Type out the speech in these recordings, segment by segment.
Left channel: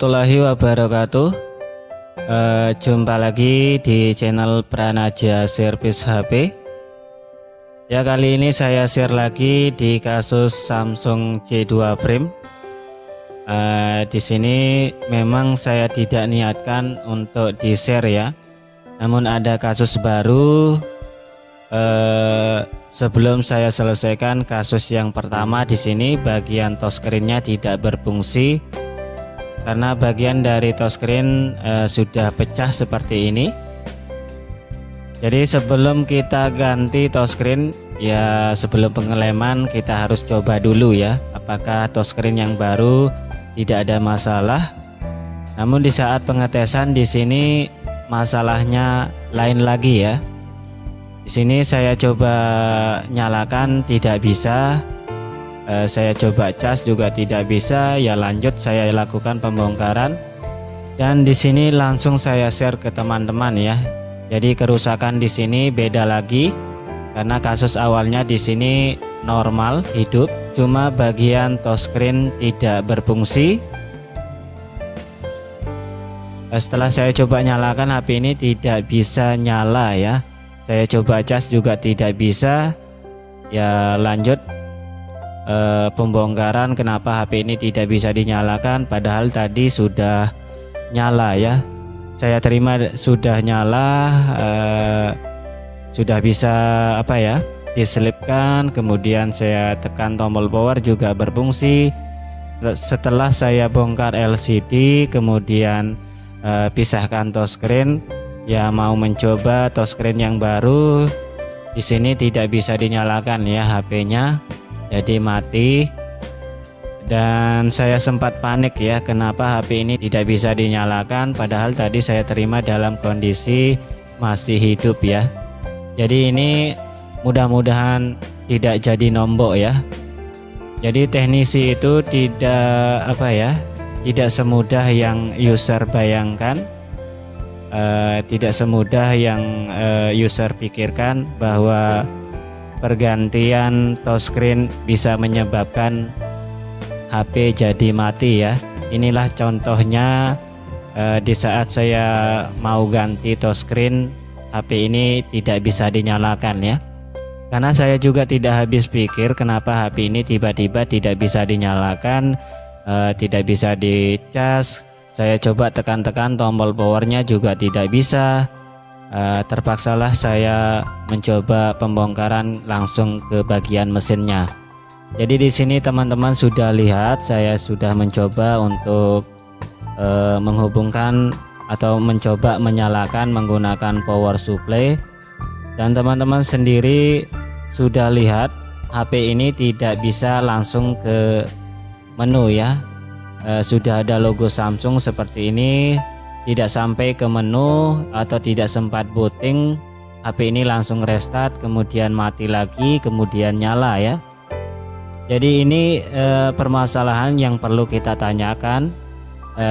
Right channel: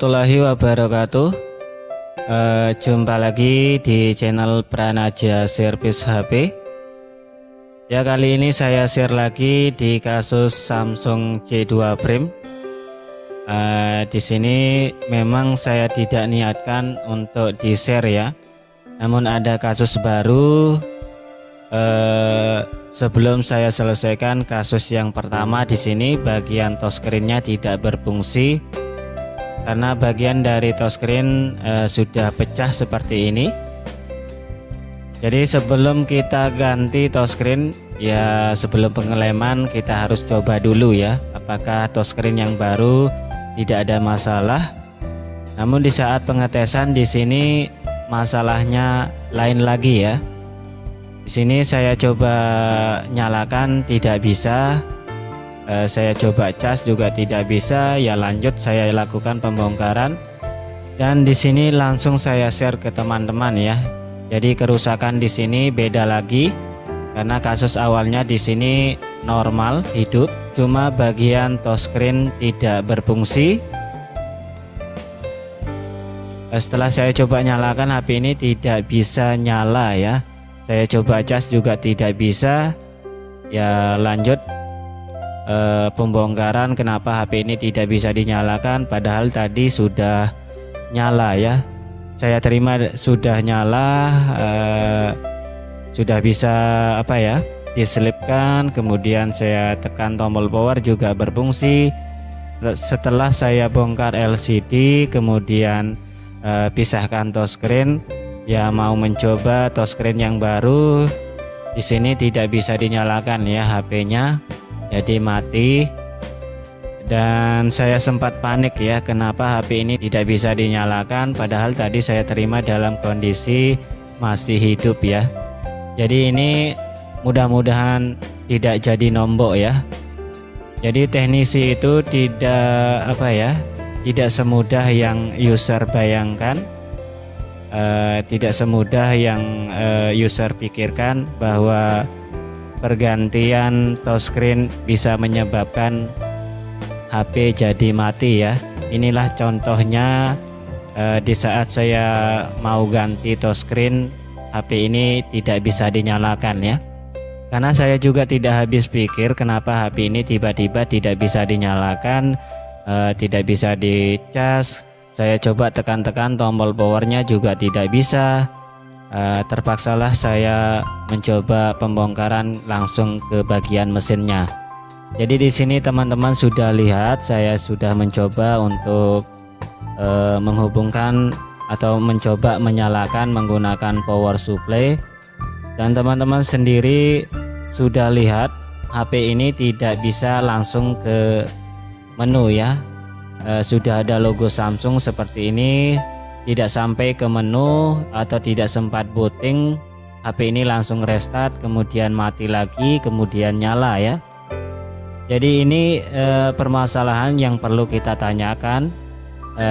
warahmatullahi wabarakatuh. Jumpa lagi di channel Pranaja Service HP. Ya, kali ini saya share lagi di kasus Samsung J2 Prime. Di sini memang saya tidak niatkan untuk di share ya, namun ada kasus baru. Sebelum saya selesaikan kasus yang pertama, di sini bagian touchscreen-nya tidak berfungsi karena bagian dari touchscreen sudah pecah seperti ini. Jadi sebelum kita ganti touchscreen ya, sebelum pengeleman kita harus coba dulu ya, apakah touchscreen yang baru tidak ada masalah. Namun di saat pengetesan di sini masalahnya lain lagi ya. Di sini saya coba nyalakan tidak bisa, saya coba cas juga tidak bisa. Ya lanjut saya lakukan pembongkaran dan di sini langsung saya share ke teman-teman ya. Jadi kerusakan di sini beda lagi karena kasus awalnya di sini normal hidup, cuma bagian touchscreen tidak berfungsi. Setelah saya coba nyalakan, HP ini tidak bisa nyala ya. Saya coba cas juga tidak bisa. Ya lanjut pembongkaran kenapa HP ini tidak bisa dinyalakan, padahal tadi sudah nyala ya. Saya terima sudah nyala, sudah bisa diselipkan. Kemudian saya tekan tombol power juga berfungsi. Setelah saya bongkar LCD, kemudian pisahkan touchscreen, ya mau mencoba touchscreen yang baru. Di sini tidak bisa dinyalakan ya HP-nya, jadi mati. Dan saya sempat panik ya, kenapa HP ini tidak bisa dinyalakan, padahal tadi saya terima dalam kondisi masih hidup ya. Jadi ini mudah-mudahan tidak jadi nombok ya. Jadi teknisi itu tidak semudah yang user bayangkan. Tidak semudah yang user pikirkan bahwa pergantian touchscreen bisa menyebabkan HP jadi mati ya. Inilah contohnya di saat saya mau ganti touchscreen, HP ini tidak bisa dinyalakan ya. Karena saya juga tidak habis pikir kenapa HP ini tiba-tiba tidak bisa dinyalakan, tidak bisa dicas. Saya coba tekan-tekan tombol powernya juga tidak bisa. Terpaksalah saya mencoba pembongkaran langsung ke bagian mesinnya. Jadi di sini teman-teman sudah lihat, saya sudah mencoba untuk menghubungkan atau mencoba menyalakan menggunakan power supply, dan teman-teman sendiri sudah lihat HP ini tidak bisa langsung ke menu ya. Sudah ada logo Samsung seperti ini, tidak sampai ke menu atau tidak sempat booting, HP ini langsung restart, kemudian mati lagi, kemudian nyala ya. Jadi ini permasalahan yang perlu kita tanyakan.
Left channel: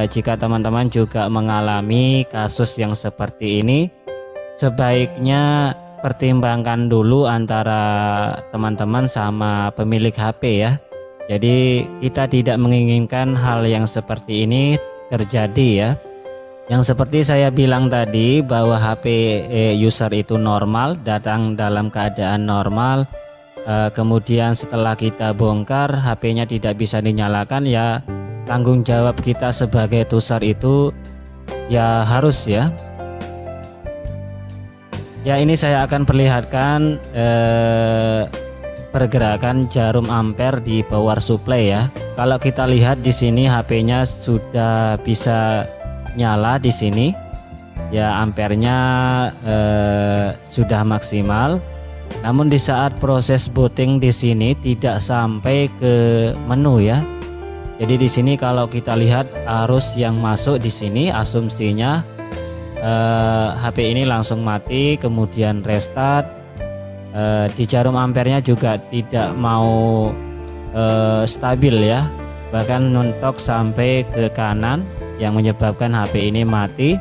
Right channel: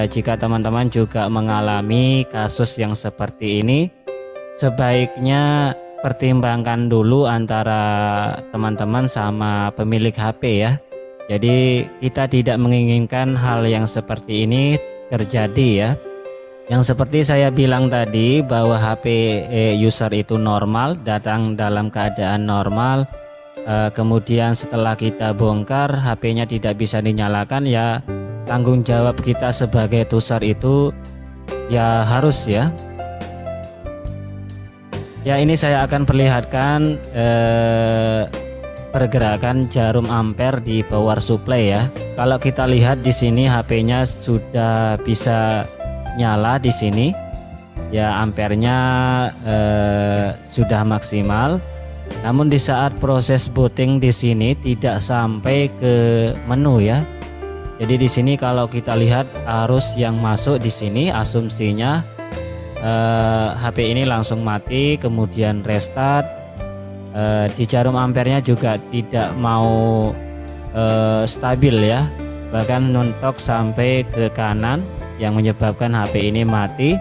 Jika teman-teman juga mengalami kasus yang seperti ini, sebaiknya pertimbangkan dulu antara teman-teman sama pemilik HP ya. Jadi kita tidak menginginkan hal yang seperti ini terjadi ya. Yang seperti saya bilang tadi bahwa HP user itu normal, datang dalam keadaan normal. Kemudian setelah kita bongkar HP-nya tidak bisa dinyalakan, ya tanggung jawab kita sebagai user itu ya harus ya. Ya ini saya akan perlihatkan pergerakan jarum ampere di power supply ya. Kalau kita lihat di sini HP-nya sudah bisa nyala di sini. Ya ampernya sudah maksimal. Namun di saat proses booting di sini tidak sampai ke menu ya. Jadi di sini kalau kita lihat arus yang masuk di sini, asumsinya HP ini langsung mati, kemudian restart. Di jarum ampernya juga tidak mau stabil ya, bahkan nontok sampai ke kanan yang menyebabkan HP ini mati.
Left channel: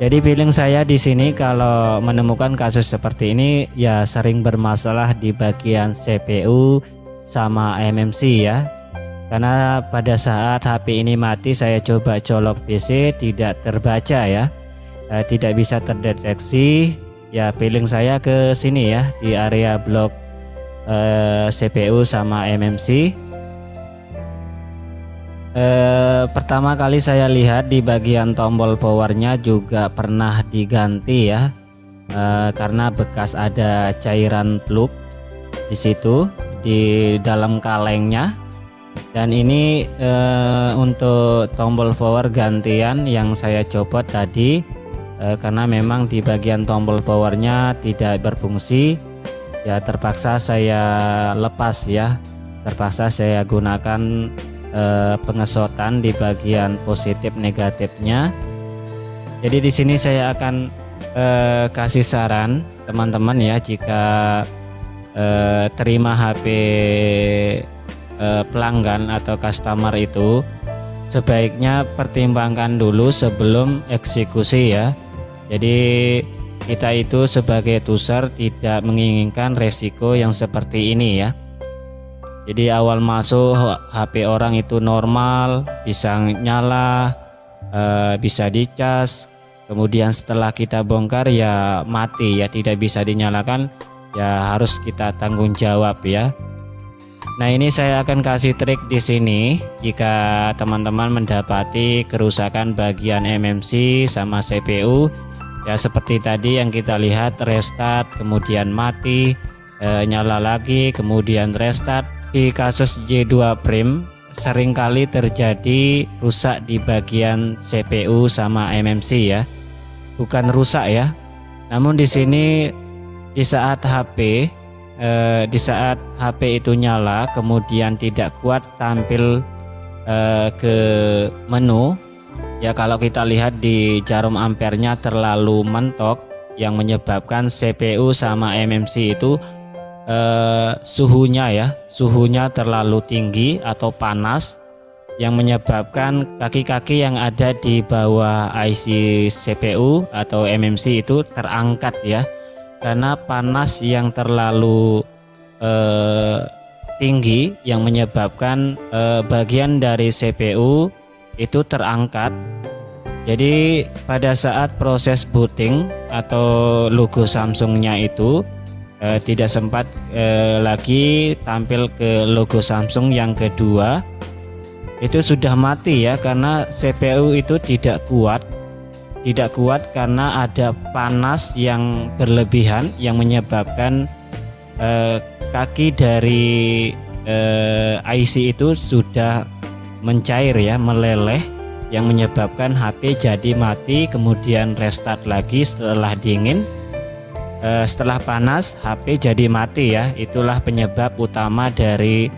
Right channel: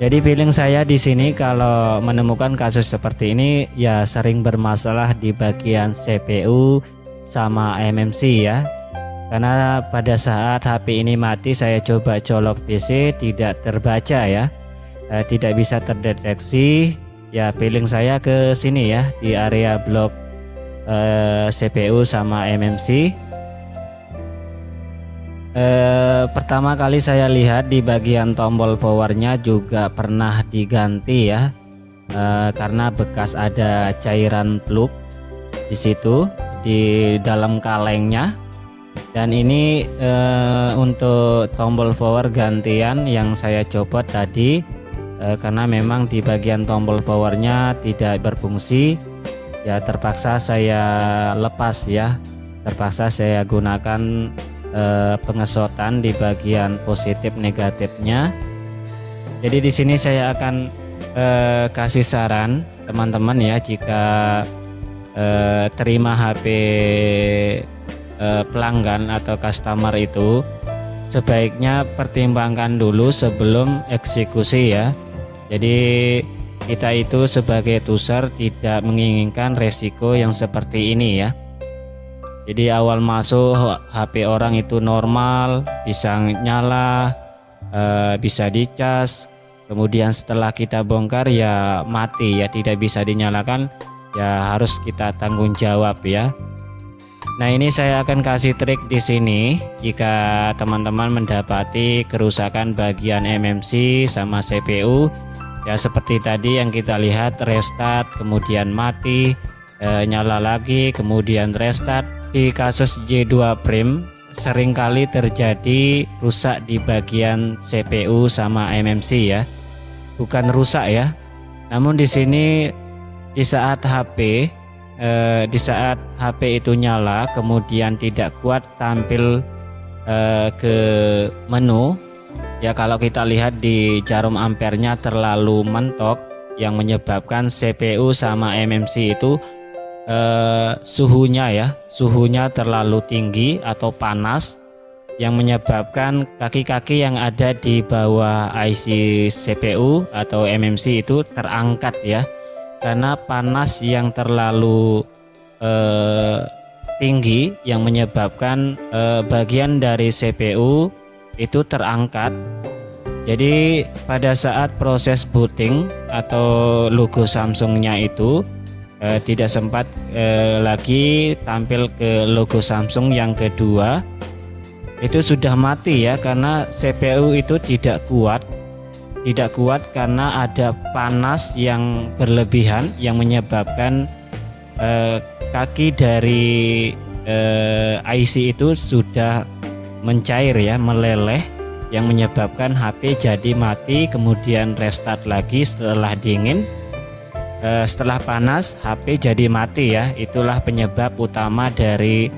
Jadi feeling saya di sini kalau menemukan kasus seperti ini ya sering bermasalah di bagian CPU sama MMC ya. karena pada saat HP ini mati saya coba colok DC tidak terbaca ya, tidak bisa terdeteksi ya. Feeling saya ke sini ya, di area blok CPU sama MMC. Pertama kali saya lihat di bagian tombol powernya juga pernah diganti ya, karena bekas ada cairan plug di situ di dalam kalengnya. Dan ini untuk tombol power gantian yang saya copot tadi, karena memang di bagian tombol powernya tidak berfungsi ya, terpaksa saya lepas ya, terpaksa saya gunakan pengesotan di bagian positif negatifnya. Jadi di sini saya akan kasih saran teman-teman ya, jika terima HP pelanggan atau customer itu sebaiknya pertimbangkan dulu sebelum eksekusi ya. Jadi kita itu sebagai user tidak menginginkan resiko yang seperti ini ya. Jadi awal masuk HP orang itu normal, bisa nyala, bisa dicas. Kemudian setelah kita bongkar ya mati ya, tidak bisa dinyalakan ya, harus kita tanggung jawab ya. Nah, ini saya akan kasih trik di sini jika teman-teman mendapati kerusakan bagian MMC sama CPU ya, seperti tadi yang kita lihat, restart kemudian mati, nyala lagi kemudian restart. Di kasus J2 Prime seringkali terjadi rusak di bagian CPU sama MMC ya, bukan rusak ya. Namun di sini di saat HP itu nyala kemudian tidak kuat tampil ke menu ya, kalau kita lihat di jarum ampernya terlalu mentok yang menyebabkan CPU sama MMC itu suhunya terlalu tinggi atau panas yang menyebabkan kaki-kaki yang ada di bawah IC CPU atau MMC itu terangkat ya, karena panas yang terlalu tinggi yang menyebabkan bagian dari CPU itu terangkat. Jadi pada saat proses booting atau logo Samsungnya itu tidak sempat lagi tampil ke logo Samsung yang kedua, itu sudah mati ya, karena CPU itu tidak kuat karena ada panas yang berlebihan yang menyebabkan kaki dari IC itu sudah mencair ya, meleleh, yang menyebabkan HP jadi mati kemudian restart lagi setelah dingin. Setelah panas HP jadi mati ya. Itulah penyebab utama dari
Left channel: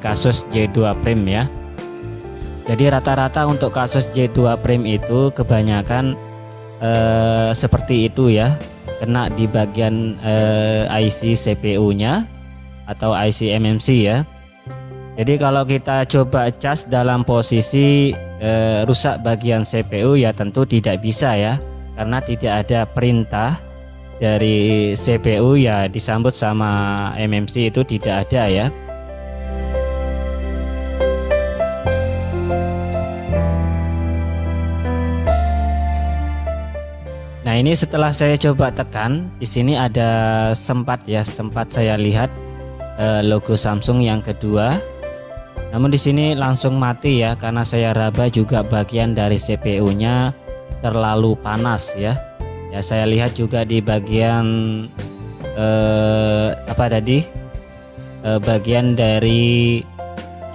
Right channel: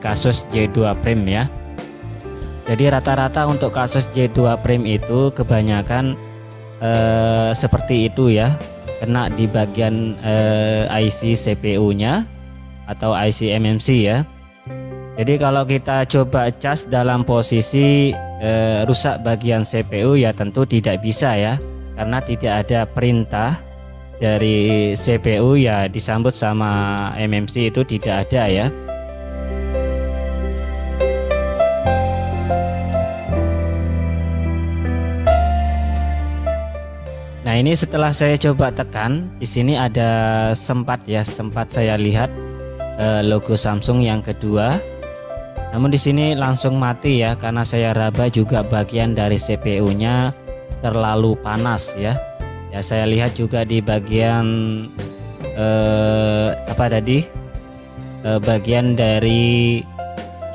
kasus J2 Prime ya. Jadi rata-rata untuk kasus J2 Prime itu kebanyakan seperti itu ya, kena di bagian IC CPU nya atau IC MMC ya. Jadi kalau kita coba cas dalam posisi rusak bagian CPU ya tentu tidak bisa ya, karena tidak ada perintah dari CPU ya disambut sama MMC itu tidak ada ya. Nah, ini setelah saya coba tekan di sini ada sempat saya lihat logo Samsung yang kedua. Namun di sini langsung mati ya, karena saya raba juga bagian dari CPU-nya terlalu panas ya. Ya, saya lihat juga di bagian bagian dari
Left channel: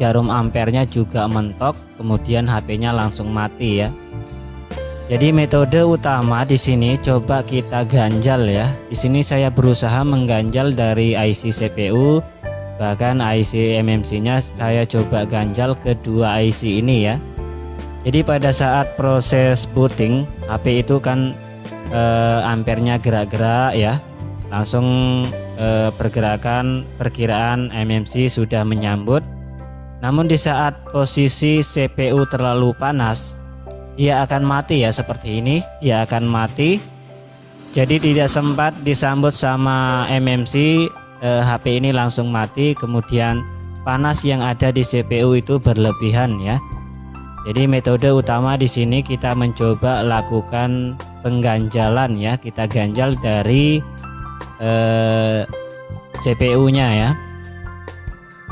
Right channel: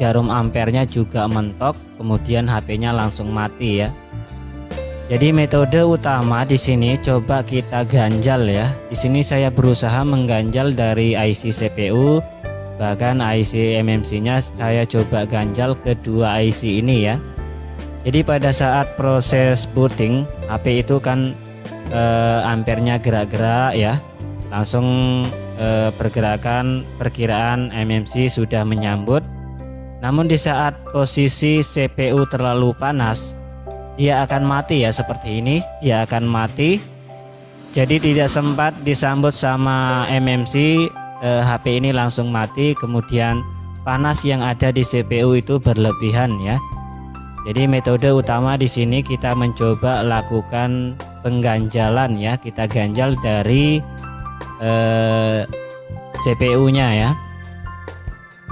jarum ampernya juga mentok, kemudian HP-nya langsung mati ya. Jadi metode utama di sini coba kita ganjal ya. Di sini saya berusaha mengganjal dari IC CPU, bahkan IC MMC-nya saya coba ganjal kedua IC ini ya. Jadi pada saat proses booting HP itu kan ampernya gerak-gerak ya, langsung perkiraan MMC sudah menyambut. Namun di saat posisi CPU terlalu panas, dia akan mati ya, seperti ini dia akan mati. Jadi tidak sempat disambut sama MMC, HP ini langsung mati. Kemudian panas yang ada di CPU itu berlebihan ya. Jadi metode utama di sini kita mencoba lakukan pengganjalan ya, kita ganjal dari CPU-nya ya.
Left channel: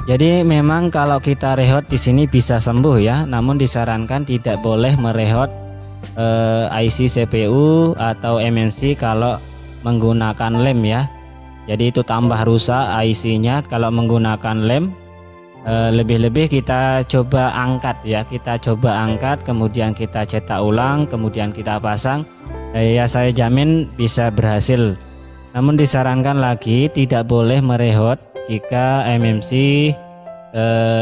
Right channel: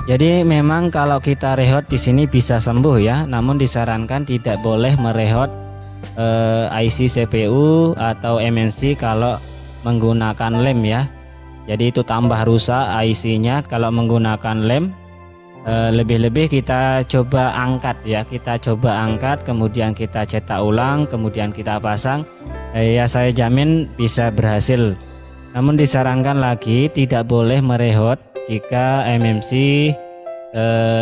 Jadi memang kalau kita rehat di sini bisa sembuh ya, namun disarankan tidak boleh merehot IC CPU atau MMC kalau menggunakan lem ya. Jadi itu tambah rusak IC-nya kalau menggunakan lem. Lebih-lebih kita coba angkat ya, kita coba angkat, kemudian kita cetak ulang, kemudian kita pasang, ya saya jamin bisa berhasil. Namun disarankan lagi tidak boleh merehot jika MMC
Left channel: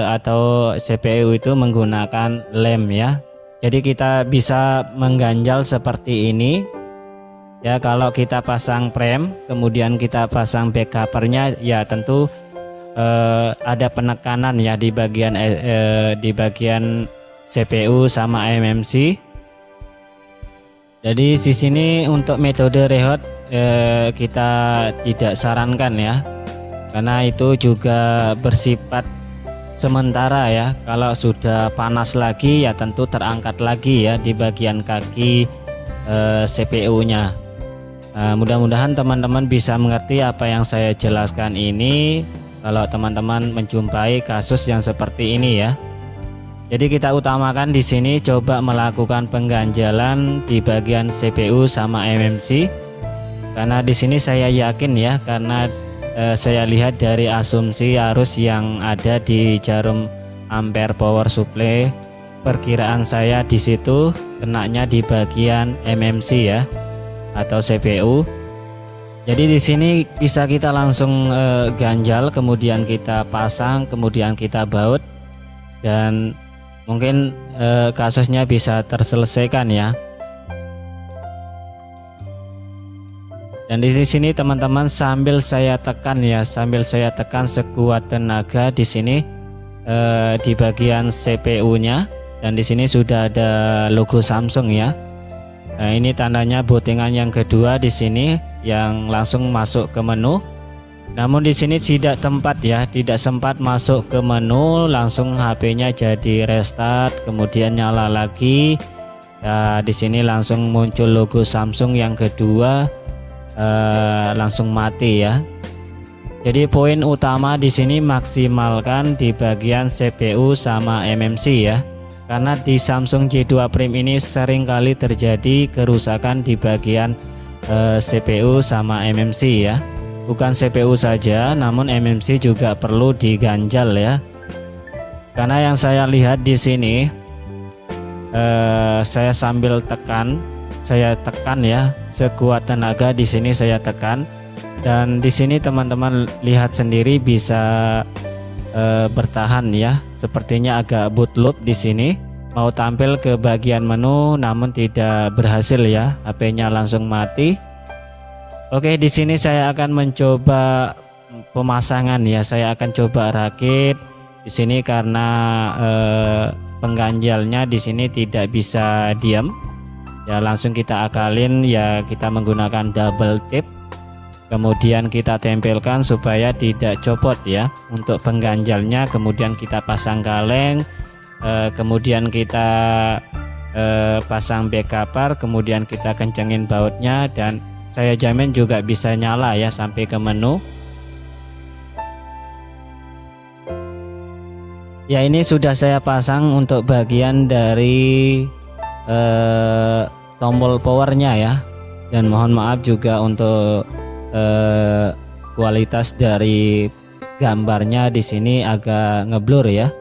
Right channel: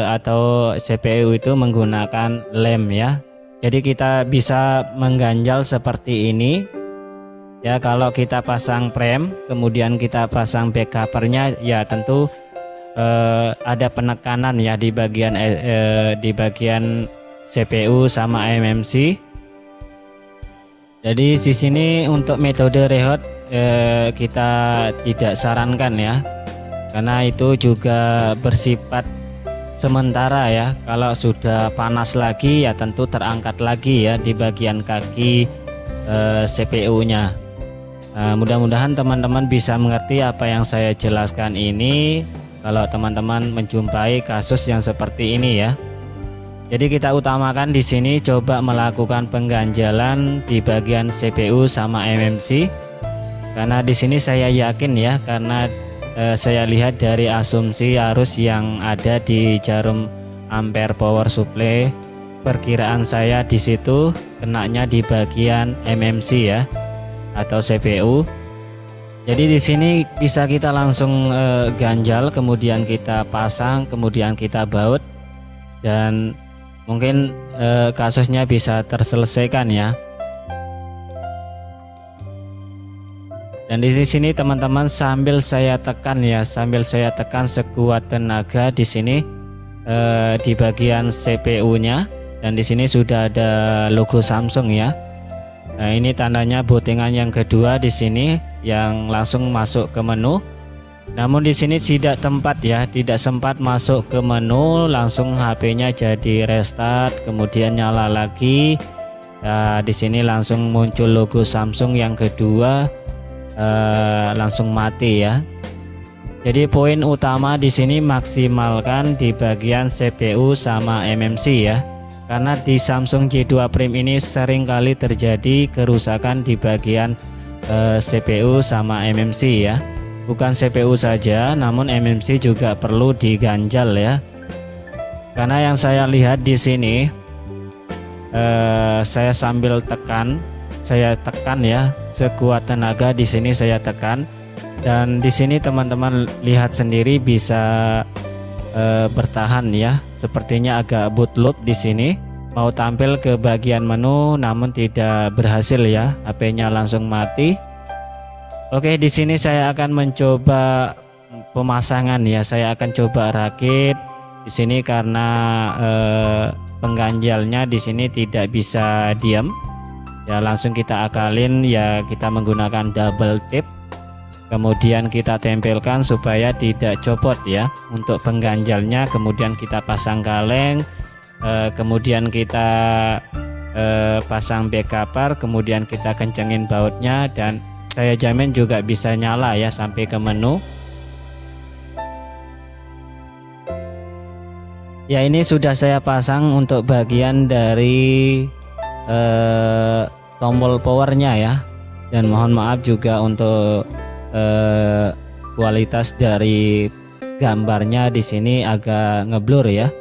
atau CPU itu menggunakan lem ya. Jadi kita bisa mengganjal seperti ini ya. Kalau kita pasang prem kemudian kita pasang backcovernya ya tentu ada penekanan ya di bagian CPU sama MMC. Jadi di sini untuk metode rehat kita tidak sarankan ya, karena itu juga bersifat sementara ya. Kalau sudah panas lagi ya tentu terangkat lagi ya di bagian kaki CPU-nya. Mudah-mudahan teman-teman bisa mengerti apa yang saya jelaskan ini. Kalau teman-teman menjumpai kasus yang seperti ini ya, jadi kita utamakan di sini coba melakukan pengganjalan di bagian CPU sama MMC, karena di sini saya yakin ya, karena saya lihat dari asumsi arus yang ada di jarum ampere power supply, perkiraan saya di situ kenanya di bagian MMC ya atau CPU. Jadi di sini bisa kita langsung ganjal, kemudian kita pasang, kemudian kita baut, dan mungkin kasusnya bisa terselesaikan ya. Dan di sini teman-teman sambil saya tekan ya, sambil saya tekan sekuat tenaga di sini di bagian CPU-nya, dan di sini sudah ada logo Samsung ya. Nah ini tandanya bootingan yang kedua di sini yang langsung masuk ke menu. Namun di sini tidak sempat masuk ke menu, langsung HP-nya jadi restart, kemudian nyala lagi. Nah, di sini langsung muncul logo Samsung yang kedua, langsung mati ya. Jadi poin utama di sini maksimalkan di bagian CPU sama MMC ya. Karena di Samsung J2 Prime ini sering kali terjadi kerusakan di bagian CPU sama MMC ya. Bukan CPU saja, namun MMC juga perlu diganjal ya. Karena yang saya lihat di sini, saya sambil tekan, saya tekan ya, sekuat tenaga di sini saya tekan, dan di sini teman-teman lihat sendiri bisa bertahan ya. Sepertinya agak bootloop di sini. Mau tampil ke bagian menu namun tidak berhasil ya, HP-nya langsung mati. Oke, di sini saya akan mencoba pemasangan ya. Saya akan coba rakit di sini karena pengganjalnya di sini tidak bisa diam. Ya langsung kita akalin ya, kita menggunakan double tip. Kemudian kita tempelkan supaya tidak copot ya. Untuk pengganjalnya kemudian kita pasang kaleng. Kemudian kita pasang backcover, kemudian kita kencengin bautnya, dan saya jamin juga bisa nyala ya sampai ke menu. Ya ini sudah saya pasang untuk bagian dari tombol powernya ya, dan mohon maaf juga untuk kualitas dari gambarnya di sini agak ngeblur ya.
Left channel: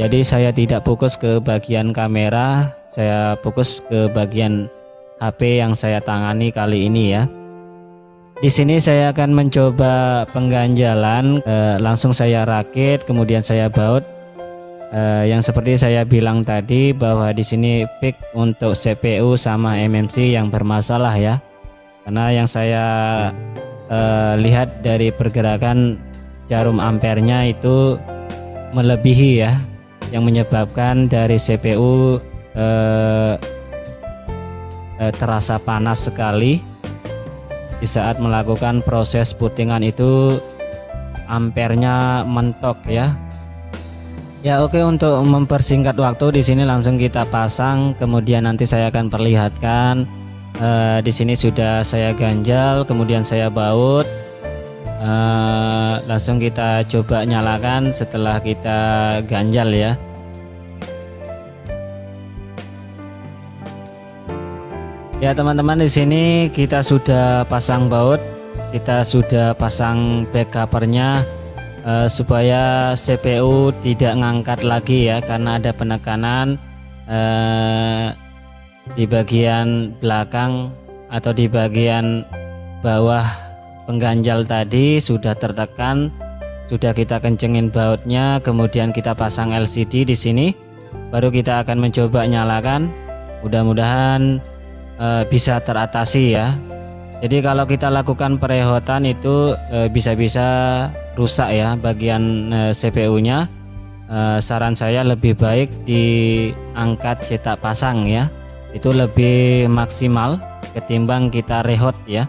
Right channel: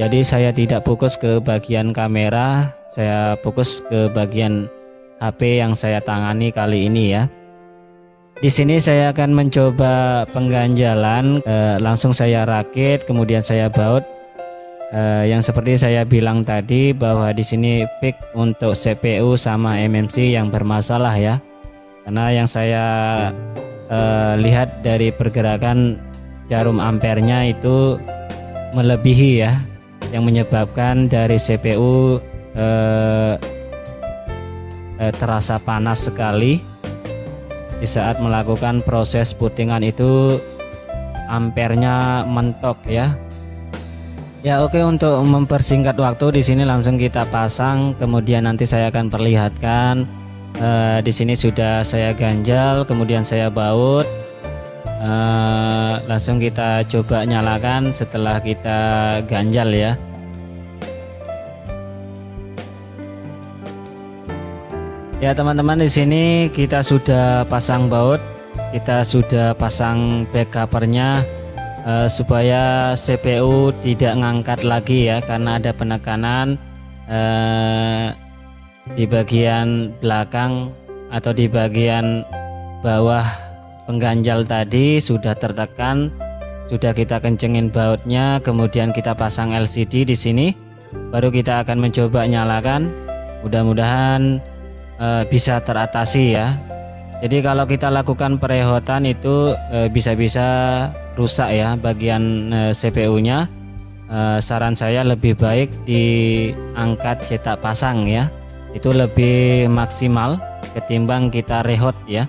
Jadi saya tidak fokus ke bagian kamera, saya fokus ke bagian HP yang saya tangani kali ini ya. Di sini saya akan mencoba pengganjalan, langsung saya rakit, kemudian saya baut. Yang seperti saya bilang tadi bahwa di sini peak untuk CPU sama MMC yang bermasalah ya. Karena yang saya lihat dari pergerakan jarum ampernya itu melebihi ya, yang menyebabkan dari CPU terasa panas sekali di saat melakukan proses bootingan itu, ampernya mentok ya. Ya oke, untuk mempersingkat waktu di sini langsung kita pasang, kemudian nanti saya akan perlihatkan. Di sini sudah saya ganjal, kemudian saya baut. Langsung kita coba nyalakan setelah kita ganjal ya. Ya teman-teman, di sini kita sudah pasang baut, kita sudah pasang back covernya supaya CPU tidak ngangkat lagi ya, karena ada penekanan di bagian belakang atau di bagian bawah pengganjal tadi sudah tertekan. Sudah kita kencengin bautnya, kemudian kita pasang LCD di sini, baru kita akan mencoba nyalakan. Mudah-mudahan bisa teratasi ya. Jadi kalau kita lakukan perehotan itu bisa-bisa rusak ya bagian CPU-nya. Saran saya lebih baik diangkat cetak pasang ya, itu lebih maksimal ketimbang kita rehot ya.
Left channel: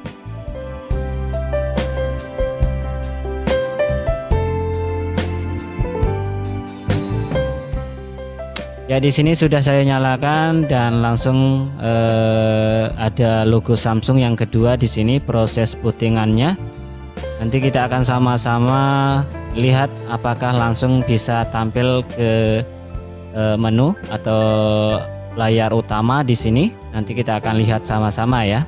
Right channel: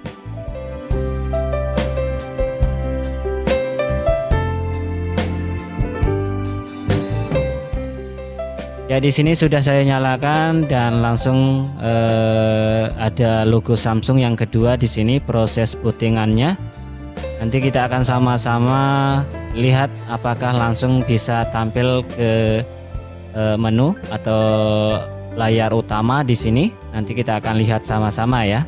Ya di sini sudah saya nyalakan dan langsung ada logo Samsung yang kedua di sini, proses bootingannya. Nanti kita akan sama-sama lihat apakah langsung bisa tampil ke menu atau layar utama di sini. Nanti kita akan lihat sama-sama ya.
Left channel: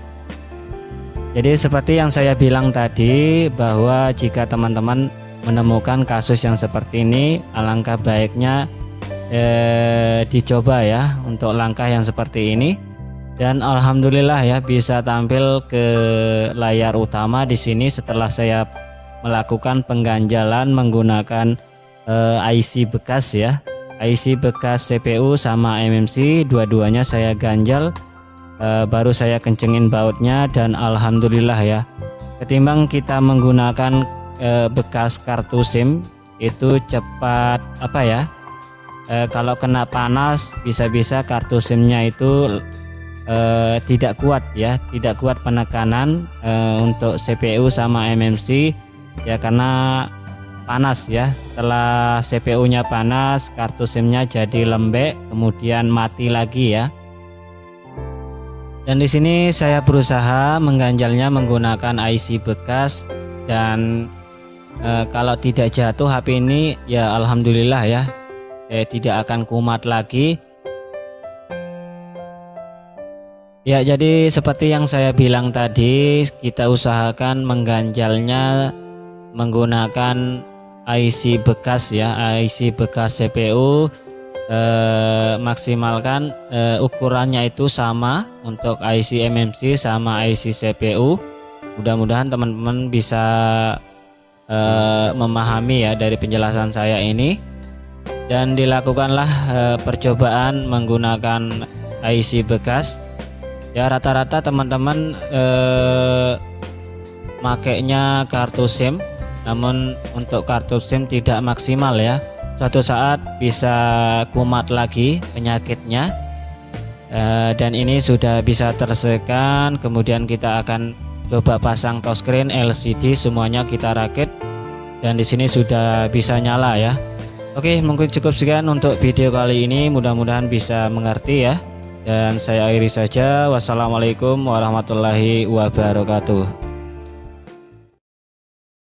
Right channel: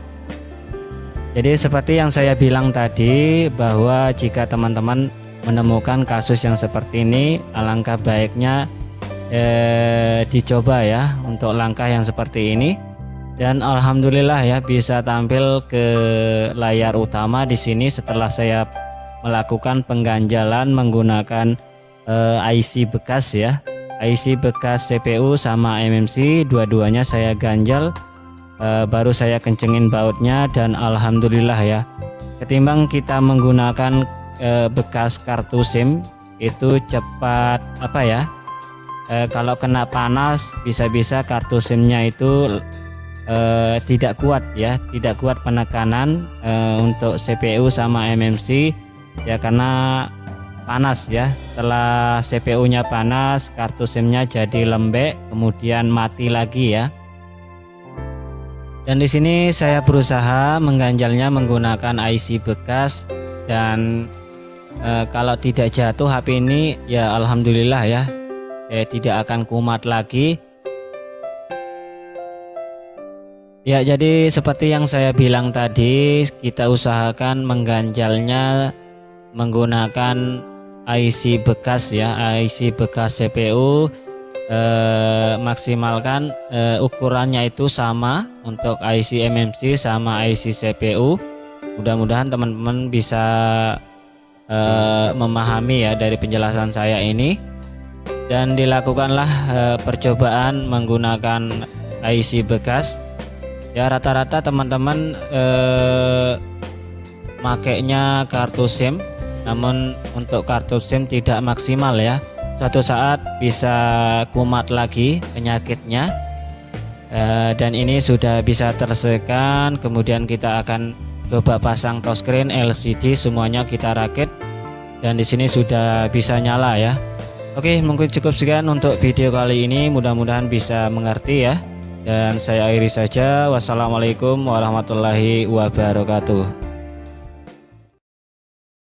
Jadi seperti yang saya bilang tadi, bahwa jika teman-teman menemukan kasus yang seperti ini, alangkah baiknya dicoba ya untuk langkah yang seperti ini. Dan alhamdulillah ya bisa tampil ke layar utama di sini setelah saya melakukan pengganjalan menggunakan IC bekas ya, IC bekas CPU sama MMC, dua-duanya saya ganjal, baru saya kencengin bautnya, dan alhamdulillah ya, ketimbang kita menggunakan bekas kartu SIM itu cepat kalau kena panas bisa-bisa kartu SIM-nya itu tidak kuat ya, tidak kuat penekanan untuk CPU sama MMC ya, karena panas ya. Setelah CPU-nya panas, kartu SIM-nya jadi lembek, kemudian mati lagi ya. Dan di sini saya berusaha mengganjalnya menggunakan IC bekas, dan kalau tidak jatuh HP ini ya alhamdulillah ya, tidak akan kumat lagi. Ya, jadi seperti yang saya bilang tadi, kita usahakan mengganjalnya menggunakan IC bekas ya, IC bekas CPU. Maksimalkan ukurannya itu sama untuk IC MMC sama IC CPU. Mudah-mudahan teman-teman bisa memahami ya dari penjelasan saya ini, dan dilakukanlah percobaan menggunakan IC bekas ya. Rata-rata teman-teman makainya kartu SIM, namun untuk kartu SIM tidak maksimal ya, suatu saat bisa kumat lagi penyakitnya. Dan ini sudah bisa tersekan, kemudian kita akan coba pasang touchscreen, LCD, semuanya kita rakit, dan di sini sudah bisa nyala ya. Oke, mungkin cukup sekian untuk video kali ini, mudah-mudahan bisa mengerti ya. Dan saya akhiri saja. Wassalamualaikum warahmatullahi wabarakatuh.